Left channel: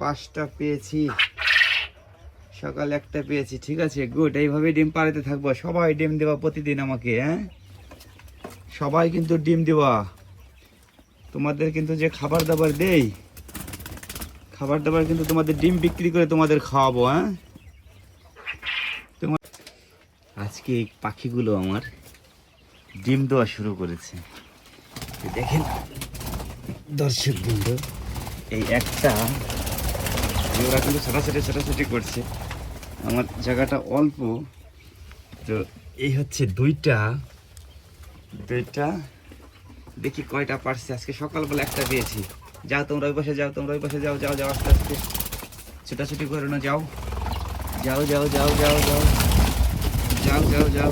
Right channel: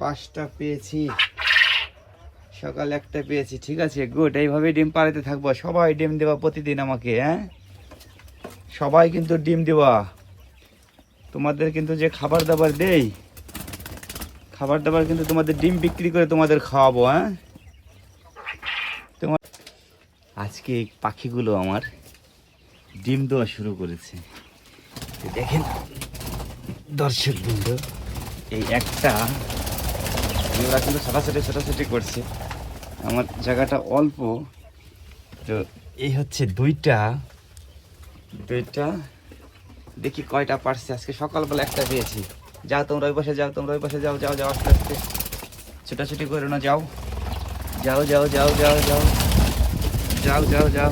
5টা পেয়েছি, সকালে একটা পেয়েছি। ঠিক আছে, গুড। এইভাবে ডিম পাড়াতে থাকবো। সবাই ডিম দেওয়া প্রতিদিন আমাকে, হ্যাঁ সবাই কিন্তু ডিম দেওয়া। তোমাদের কিন্তু যে খাবার দাবার দেই, খাবার দাবার কিন্তু তোমাদের ডিম বিক্রি করে তোমাদের খাওয়াবো। হ্যাঁ তোমার আজকে এই পাখিগুলো আমার ডিম দেওয়া শুরু করেছে। দেখেন দর্শক বন্ধু, এই একটা ওরা কিন্তু ছোটাছুটি করছে। আমার জায়গাটা অল্প, তো এই হচ্ছে দুইটা। দেখি কয়টা পারছে। আজকে সকালবেলা একটা পেয়েছি। যাও তোমরা ওই পাশে যাও, তোমরা ওই পাশে যাও, যাও যাও আস্তে আস্তে, ছোটাছুটি করো না, যাও যাও যাও যাও যাও যাও যাও যাও যাও।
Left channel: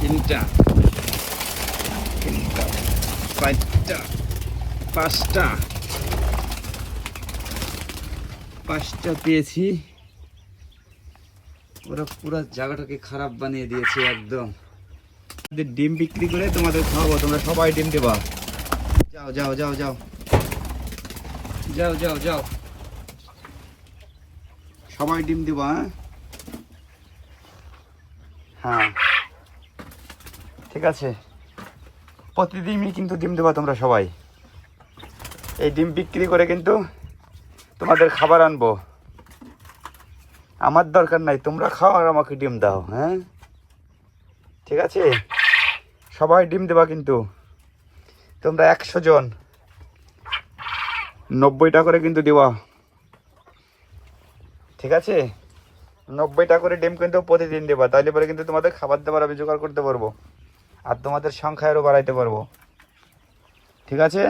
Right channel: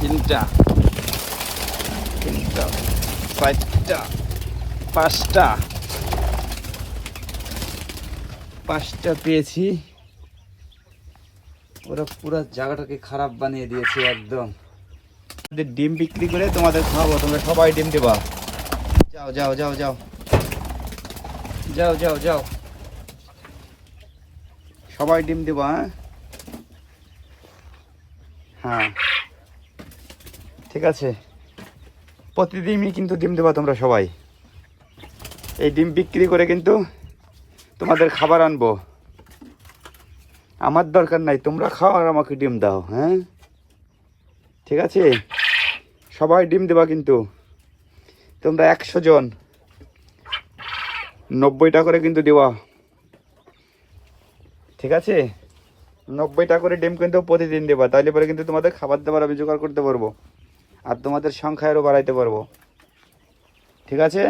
তিনটা, 5টা, 5টা পেয়েছি। ওরা পুরো জায়গাটাকে খারাপ বানিয়ে দিয়েছে একদম। ডিম বিক্রি করে তোমাদের খাওয়াবো, তোমরা সবাই ডিম দেবা। যাও যাও যাও যাও যাও যাও যাও, সবাই ডিম দেবা। হ্যাঁ হ্যাঁ ঠিক আছে, প্রতিদিনই কিন্তু ডিম দেবা তোমরা সবাই। এই ডিম বিক্রি করে কিন্তু তোমাদের খাবার আনবো। আমার দরকার নাই, তোমরা খাও আর আমাকে ডিম দাও। হ্যাঁ ঠিক আছে, সবাই ডিম দেবা কিন্তু। তোমরা 100 জন 90টা করে কিন্তু দেওয়া। ঠিক আছে, 90টা করে ডিম কিন্তু প্রতিদিন দেবা, তাইলে পরে কিন্তু তোমাদের খাবার দাবার আমি জোগাড় করতে পারবো আর তোমাদের সংখ্যা আরও বাড়াইতে পারবো। ঠিক আছে।